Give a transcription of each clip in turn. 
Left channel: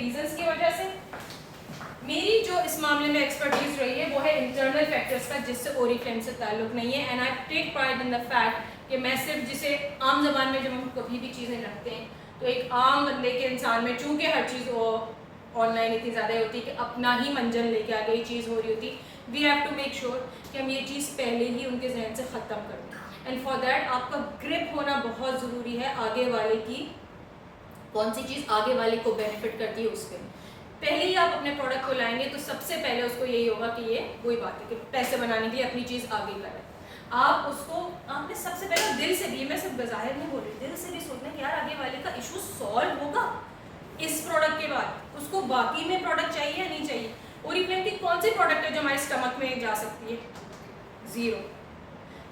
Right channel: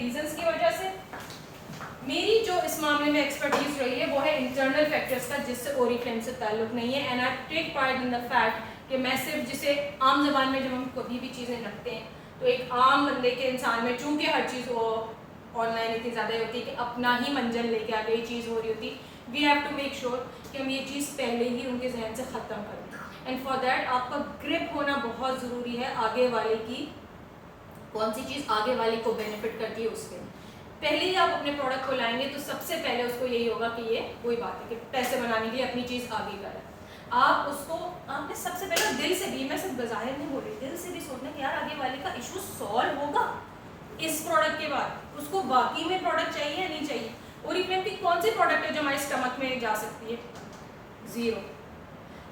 Reasons की वजह से। मेरी जो इस मामले में एक्सपर्टीज रही है वो है इंटरनल फैक्टर्स का, जिससे ओरिफ्लेम से ताल्लुक नहीं है। And I take pride in the fact कि मैं सिर्फ जिसे आम जबान में जब हम कभी भी चीज़ें रखते हैं तो एक आम बंदे के इंसान में, चूँकि हर चीज़ वो ऑनलाइन इतनी ज़्यादा होती है कि अपना ही मंजन लेके आ गई चीज़ हो रही होती, we have to make sure कि हम ये चीज़ पहले ही उनके जहन से ख़त्म कर दें। एंड फॉर दैट आपका ग्रिप होना बहुत ज़रूरी है, आगे वाले की कौन सी चीज़ आगे वाले को बेनिफिट करती है उस पर। पहले ही आप अपने प्रोडक्ट को लाएंगे तो सबसे पहले उसको यही होगा कि ये वही बात है कि पैसे बनाने के लिए अपनी चीज़ आगे करें। आप उसको, आपने सबसे पहले दिल से भी, मैं सिर्फ बाहर नहीं बोल रही, दिल से भी सोचना कि यार आगे वाले का इशू सॉल्व होगा इस प्रोडक्ट के बाद, उसको बाकी में प्रोडक्ट चाहिए या नहीं चाहिए। ओरिफ्लेम की कौन सी प्रोडक्ट है जो हमारे स्टमक में जा सकती है? ज़ीरो।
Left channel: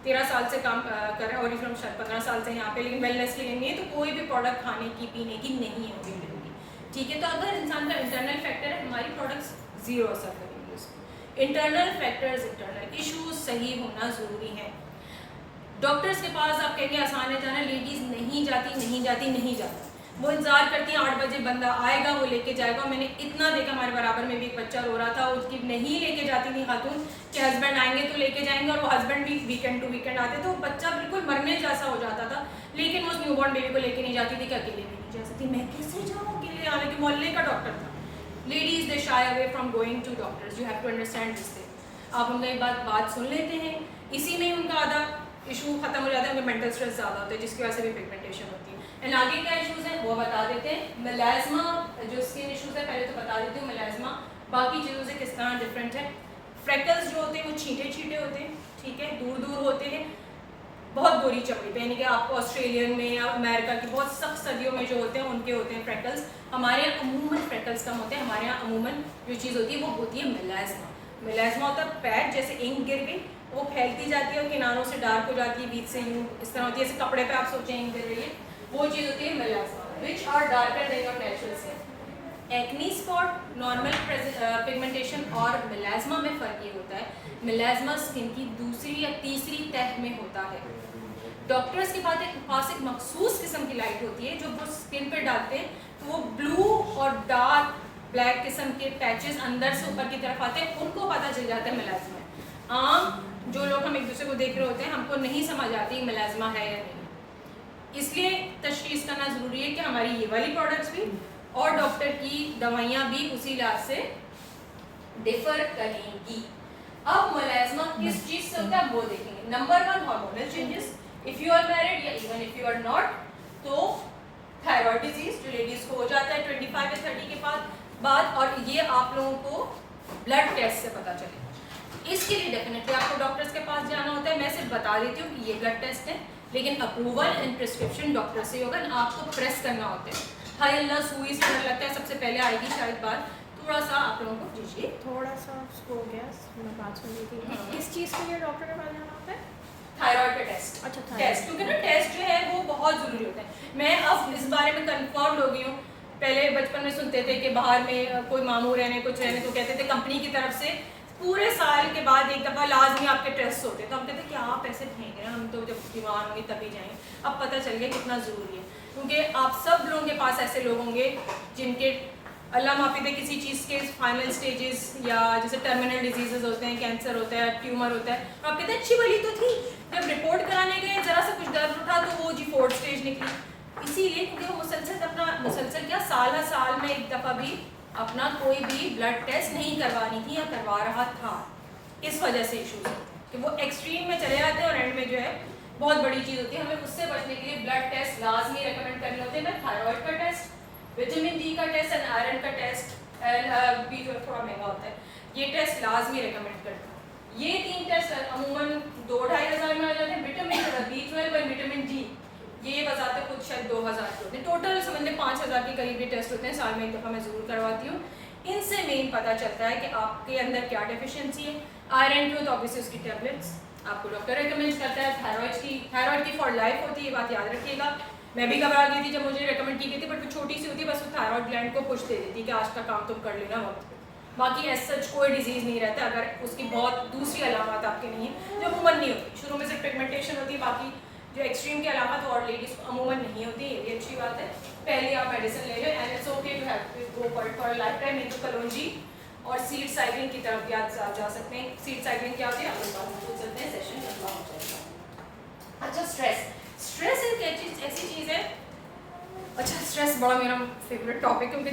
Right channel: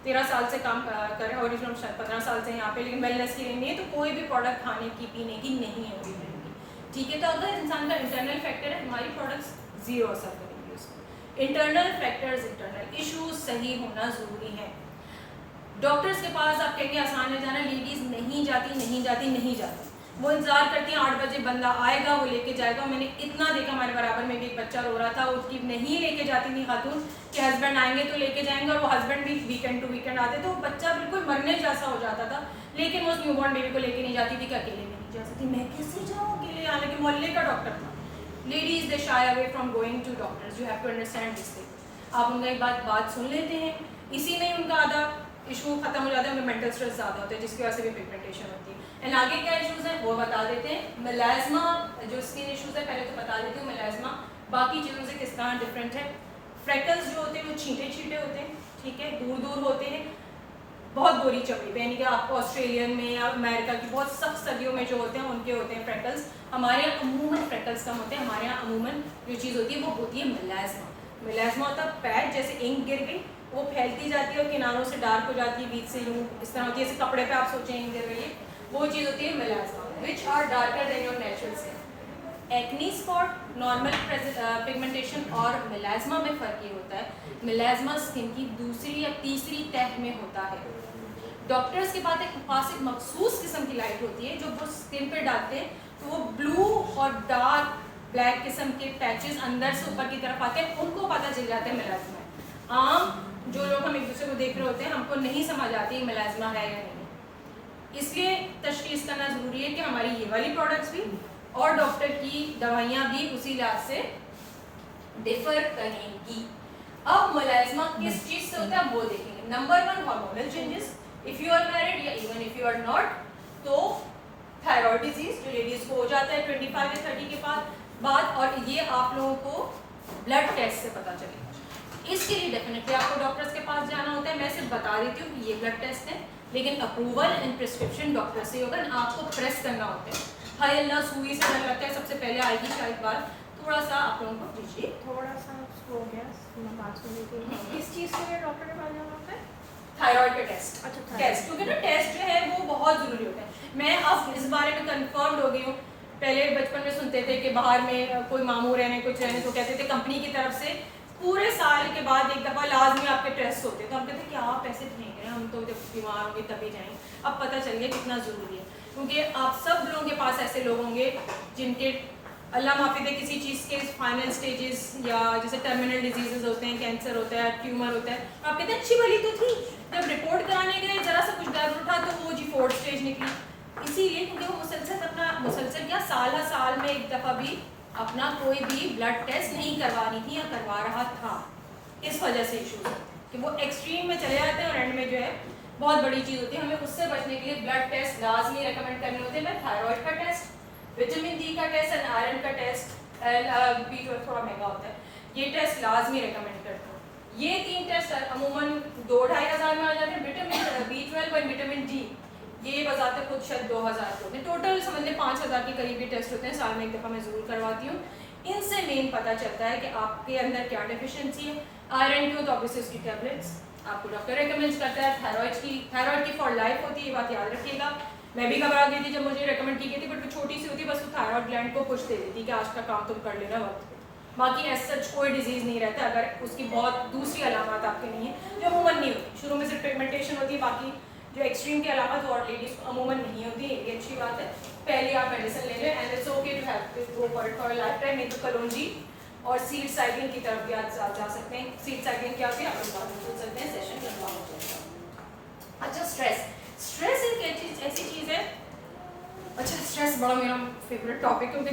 13 साल से काम कर रहे हैं ओरिफ्लेम, शायद 15 साल से यहाँ पे, लेकिन वेलनेस की नहीं है, तो कोई भी प्रोडक्ट खाने की पीने की नहीं है ओरिफ्लेम की, ठीक है। तो अगर इंसान का इंटरनल फैक्टर है, हमारी प्रोडक्ट्स ज़ीरो असर करेंगे उस पर। इंटरनल फैक्टर्स, इंटरनल इशूज सही होना ज़रूरी है। डॉक्टर्स के पास आप कहेंगे आसान है जाना, लेडीज़ नहीं जाती, वो इंतजार करती हैं 8 बजे बंदा आएगा वो लेके जाएगा। मैंने इतना देखा, हमारे बराबर में भी एक बच्चा रो रहा था, उसकी नहीं लेके जाती थी खातून कि हस्बैंड आएंगे तो लेके जाएंगे, और वो हस्बैंड भी वीकेंड टू वीकेंड आते, तो बच्चा बिल्कुल मरने जैसा हो जाता था, लेकिन वो उस न्यूबॉर्न बेबी को लेके नहीं जाती थी कि अकेले नहीं जा सकती। मैं कैसे जाऊँ अकेले, हालांकि मोहल्ले का डॉक्टर था। Ladies they shy away from going to doctors, you have to understand this thing. आप उनका एक बात सुन लेते हैं, इसी में उनका आधा इशू खत्म हो जाता है, उनका मेंटल स्ट्रेस ज़्यादा होता है जिसकी वजह से भी पिगमेंटेशन होती है। एंड आगे क्या इश्यूज हैं वो बता देते हैं। मेलाज्मा जो स्किन इश्यूज है पहले तो बता देती हूँ, मेलाज्मा बाकी चीज़ों से किस तरह डिफरेंट है। फ्रेकल्स जो होते हैं वो छींटे होते हैं, ठीक है, दूर होते हैं, बहुत गोरी चमड़ी पे, यानी कि आपको ऑस्ट्रेलियन में या अमेरिका की बहुत सख्त सर्दियों में जो होते हैं उनके होते हैं फ्रेकल्स। हमारे यहाँ अमूमन फ्रेकल्स कम होते हैं, हमारे यहाँ अमूमन जो चीज़ होती है वो होती है मेलाज्मा। मेलाज्मा होता है पैच, जैसे इंक गिर गई वो फैलती जाती है और किनारों से डार्क हो जाती है, बीच से इस तरह होती है, जैसे कपड़े पे आप सोचें इंक गिर रही है, वो चीज़ होती है melasma, which are darker than your natural skin. Acne spot, normal pigmentation और मेलाज्मा में फ़र्क ये होता है, मेलाज्मा स्किन की दूसरी या तीसरी तह में होता है। डॉक्टर्स के पास एक मखसूस किस्म की लाइट होती है जो वो स्किन पर डालते हैं, तो वो ब्लू और डार्क ब्लैक किस्म के पैचेस अंदर से ऊपर की तरफ आते हैं, उनको पता चल जाता है मेलाज्मा। आम जो लोग हम एक दूसरे को देख रहे होते हैं, हमको नहीं समझ आती मेलाज्मा है या नहीं, इसलिए तशखीस करना ज़रूरी है कि हमारी ये वाली प्रोडक्ट्स भी और डॉक्टर की दवाइयाँ भी उसी इलाज से डिफर करेंगी। अब मेलाज्मा किस चीज़ से होता है वो देखेंगे। Number 1 hormonal changes, if you are married या even if you are not, तो थायराइड डिजीज जो लेडीज़ को हो जाता है 25 या 30 के बाद, और ये आप लोगों को ब्लड टेस्ट से पता चलेगा। इसके लिए डेफिनेटली आपको डॉक्टर्स के पास जाना होता है। मैं सिर्फ बता देती हूँ कि ये ब्लड टेस्ट है, लेकिन अप्रूवल एंड प्रिस्क्रिप्शन डॉक्टर से होगा, आपको प्रेस करना होता है। हाय अल्लाह, सुई से डर लगता है, सबसे पहले आएगी शायद बात, थोड़ा सा आप लोगों को दीजिए, थोड़ा सा हो गया, मैं बात सुन रही थी। किस चीज़ के लिए डॉक्टर के पास जाना होता है? थायराइड का टेस्ट। अच्छा, टेस्ट, क्योंकि ना टेस्ट जो है वो बहुत ज़रूरी होता है। मैं अब इस बारे में कन्फर्म हो गई हूँ। पहले बचपन में सुनते थे कि बाहर में कोई मामू रहने कुछ रहने तो कहते थे कंपनी की तरफ से पूरे साल के बाद एक दफ़ा लाजमी आपके टेस्ट होते हैं, तो हम कहते हैं क्या आप पैसे फेंक रहे हैं, हम तो जब बीमार होंगे तभी जाएंगे। अब पता चल गया कितना ज़रूरी है, क्योंकि आप सब लोगों के पास ऐसे लोग होंगे जिनके अल्लाह माफ़ी दे किसी चीज़ के फाइनल स्टेजेस या जैसे टर्मिनल डिजीजेज होते हैं, कैंसर होता है, ट्यूमर होता है, तो आप कहते हैं अच्छी भली तो थी, जब रिपोर्ट कराने गए ज़रा सा कुछ दर्द उठा तो वो जी 4th स्टेज निकली। इसीलिए क्योंकि वो मुसलसल क्या साल में एक दफ़ा भी अपना कोई भी ब्लड टेस्ट नहीं करवानी थी या करवा रहा था, इस वजह से इशूज होते हैं कि वो एक्सट्रीम में चले जाते हैं और एंड में जो है बहुत बड़ी चीज़ होती है। हमें उससे बचने के लिए ब्लड टेस्ट लाजमी रेकमेंड करने होते हैं। मैं थायराइड का टेस्ट, विटामिन डी का टेस्ट एंड आयरन का टेस्ट, बी जो थोड़ा महंगा होता है, ये टेस्ट लाजमी रेकमेंड करता हूँ। ये 3 टेस्ट अमूमन 2-2.5 हज़ार में आ जाते हैं। विटामिन B12 और विटामिन डी ये बताते खुद शायद 2000 के होते हैं, टोटल समझ लें 5000 के करीब ये टेस्ट होते हैं, साल में एक दफ़ा मैं ज़रूर करवाती हूँ। इनसे मेन पता चलता है कि आपके अंदर क्या डेफिशिएंसी है। आयरन की हो तो ऑब्वियसली उसकी टैबलेट्स आपको डॉक्टर रिकमेंड करता है। थायराइड की फॉर लाइफ होती है, ये बात याद रखिएगा। मैं भी घबरा गई थी जब मुझे रिकमेंड की गई थी, बट वो छोटी सी होती है, बस वो थायराइड ग्लैंड को पुश दे देती है कि आज का काम तुम कर लेना वक्त पे। बाकी एज सच कोई डिजीज़ नहीं रहता अगर उसकी बहुत दूसरी अलामत आपके नहीं है, जो अमूमन नहीं होती। शुरू में सिर्फ पिगमेंटेशन होती है, बाकी जो एक्सट्रीम के अलावा तो और लेडीज को अमूमन नहीं होती है, ये भी अच्छी बात है। पहले आप मेडिसिन ले लें and it's okay to have to go for lifetime. नहीं तो कलौंजी और सीड साइक्लिंग की तरफ भी आप जा सकते हैं। सीड साइक्लिंग क्या होती है आप लोग बाद में पूछ सकते हैं, सेशन लंबा हो जाएगा। अच्छा स्ट्रेस एक ऐसी चीज़ है, अच्छा स्ट्रेस बड़ा मेरा फेवरेट टॉपिक क्योंकि